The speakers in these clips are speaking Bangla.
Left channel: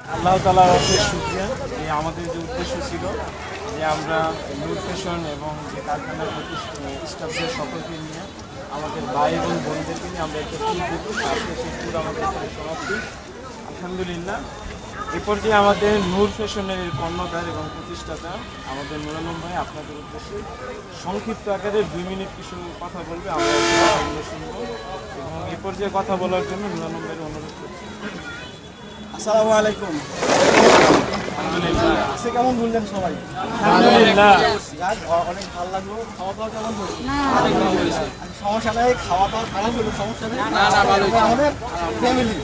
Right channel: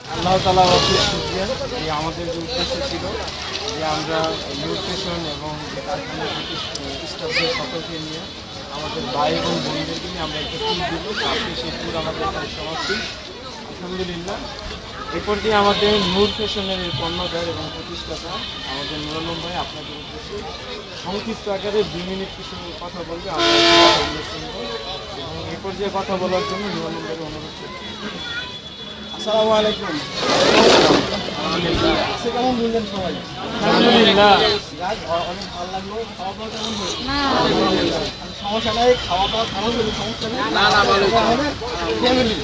আল্লাহ তালা অশেষ শুক্রিয়া যে আমাদের যে উদ্দেশ্য ছিল যে আমরা নূর ফ্যাশন এবং যে কারখানার প্রতি স্টাফদের সকলকে নিয়ে আমাদের ভাই এবং বোনদেরকে নিয়ে আমরা একটা ট্যুর দেবো। আজকে সেই ট্যুর আমাদের সমাপ্তি। আলহামদুলিল্লাহ। এরপর দিয়ে আমাদের নূর ফ্যাশনের কর্ণধার এবং প্রতিষ্ঠাতা আমাদের নুরালম ভাই আপনাদের উদ্দেশ্যে সংক্ষিপ্ত আকারে দুই মিনিট কিছু কথা বলবে। আমরা কথাগুলো শুনব এবং এই পর্যায়ে কথা বলার জন্য নুরালম ভাইয়ের অনুরোধ করছি। আসসালামু আলাইকুম। আলহামদুলিল্লাহ। আজকে কেমন বললেন সবাই? অনেক ভালো লাগল। খাওয়া দাওয়া কেমন হয়েছে? সমস্যা নেই খাওয়া দাওয়া খারাপ হলে সমস্যা নেই। আমাদের ফ্যামিলি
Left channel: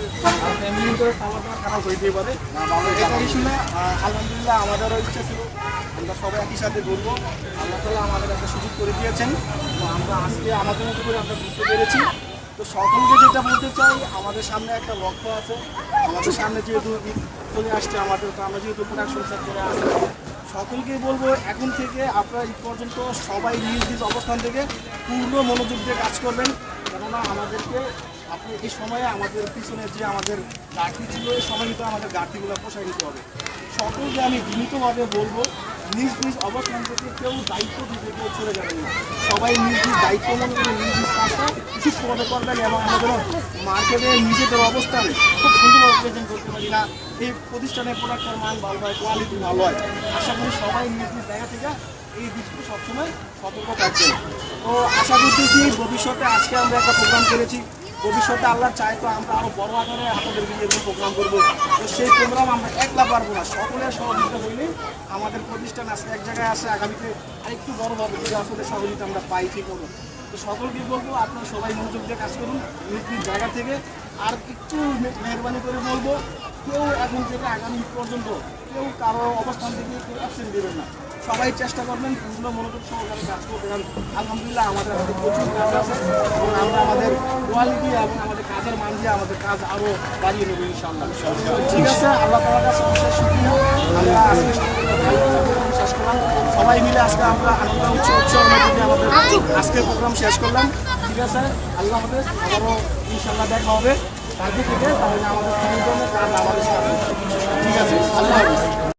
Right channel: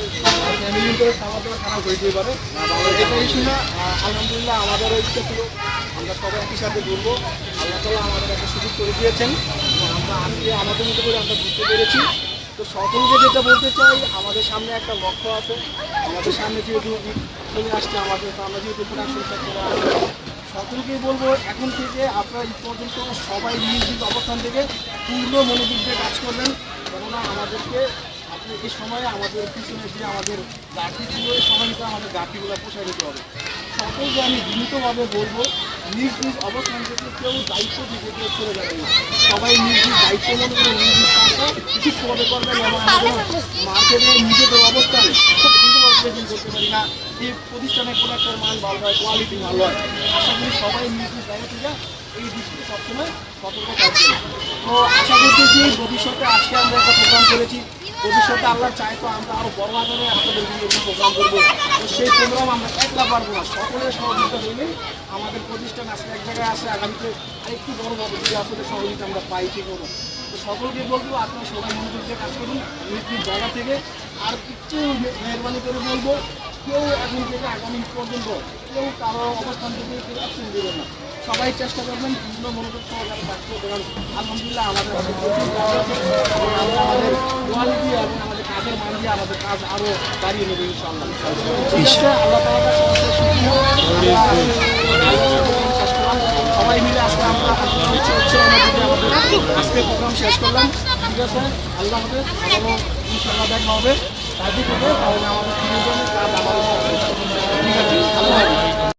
আর ফ্যামিলি করে খাওয়া দাওয়া খারাপ হইতেই পারে। শুনে আলহামদুলিল্লাহ আমাদেরও ইচ্ছে ছিল আমরা সবাই একই সাথে ঘুরবো। আল্লাহ তালা আমাদের একটা সুযোগ করে দিয়েছেন। আমরা আজকে আমাদের মতো করে আমরা ঘুরতে পেরেছি। তো সকলকে যেটা বলতে চাই, আমাদের সামনে একটা লক্ষ্য আছে। আমাদের সামনে যেহেতু চলে আসছে আমাদের, তো আমরা যেহেতু প্রোডাকশন সেক্টরে আছি সকলকেই বলব, এখন থেকে আপনারা ঈদ পর্যন্ত সবাই নিজ নিজ অবস্থান থেকে পূর্ণ মনোযোগ দিয়ে কাজ করবেন। কেননা আমাদেরকে আপনি এই সময়ে আমাদের পিছনে যে আমাদের গাঠি ছিল, এই সময় কিন্তু আমাদের গাঠিগুলো পোষায় নিতে হবে। সকলকে আমি বিনীতভাবে বলব নিজ নিজ অবস্থান থেকে কেউ দায়িত্ব কেউ চলে যাবেন না। সবাই নিজ নিজ দায়িত্ব মনে করে নিজ নিজ কাজটা সুস্থভাবে করবেন এবং আমাদের মার্কেটে নিজেদের অবস্থান খুব সুন্দরভাবে প্রেজেন্ট করতে পারি না। এই প্রতিষ্ঠানের প্রোডাক্টের মান ভালো হয় কোয়ালিটি ভালো হয়। আশা করি সবাই নিজ নিজ জায়গা থেকে এই দিকটি সবসময় সতর্ক থাকবেন। তো আশা করতেছি ভবিষ্যতে আজকে আমরা একটা প্রোগ্রাম করেছি। ভবিষ্যতে আল্লাহ চায় তো আমরা আরও বড় আকারে আপনাদের নিয়ে প্রোগ্রাম করব। তো সেই প্রোগ্রাম আমরা একলা পারব না, সকলের সহযোগিতা হইলেই আমাদের প্রতিষ্ঠান আসলে এক জায়গায় আসে আগামীতে আরেকটু বড় হবে যদি আপনাদের সহযোগিতা আমরা পাই, ঠিক মতো। তো সকলকে বলব, আপনারা সবাই মনোযোগ দিয়ে কাজ করুন, নিজ নিজ জায়গা থেকে। আর একটু মেহরবানি করে বলব কেউ এখন থেকে আগামী পর্যন্ত কেউ কারও অবস্থান থেকে কেউ অ্যাবসেন্ট দেবেন না। সবাই চেষ্টা করবেন পূর্ণ মনোযোগ সহকারে কাজ করতে কারণ আলহামদুলিল্লাহ আমাদের হাতে প্রচুর কাজ আছে এবং আমরা আমাদের কোয়ালিটি এবং আমাদের কাজের মান দিয়ে আমাদের কাজ আরও বাড়িয়ে নেব ইনশাআল্লাহ। ঠিক আছে? আল্লাহ কাছে অশেষ শুকরিয়া। আমরা আজকে শেষ করলাম। সবাই মিলে আজকে আমরা আনন্দ উৎসবের মধ্যে দিয়ে আমাদের আজকের প্রোগ্রাম শেষ করলাম। ঠিক আছে? আল্লাহ হাফেজ। আবারও ইনশাআল্লাহ দেখা হবে। থেকে তাহলে আমাদের। ঠিক আছে আল্লাহ হাফেজ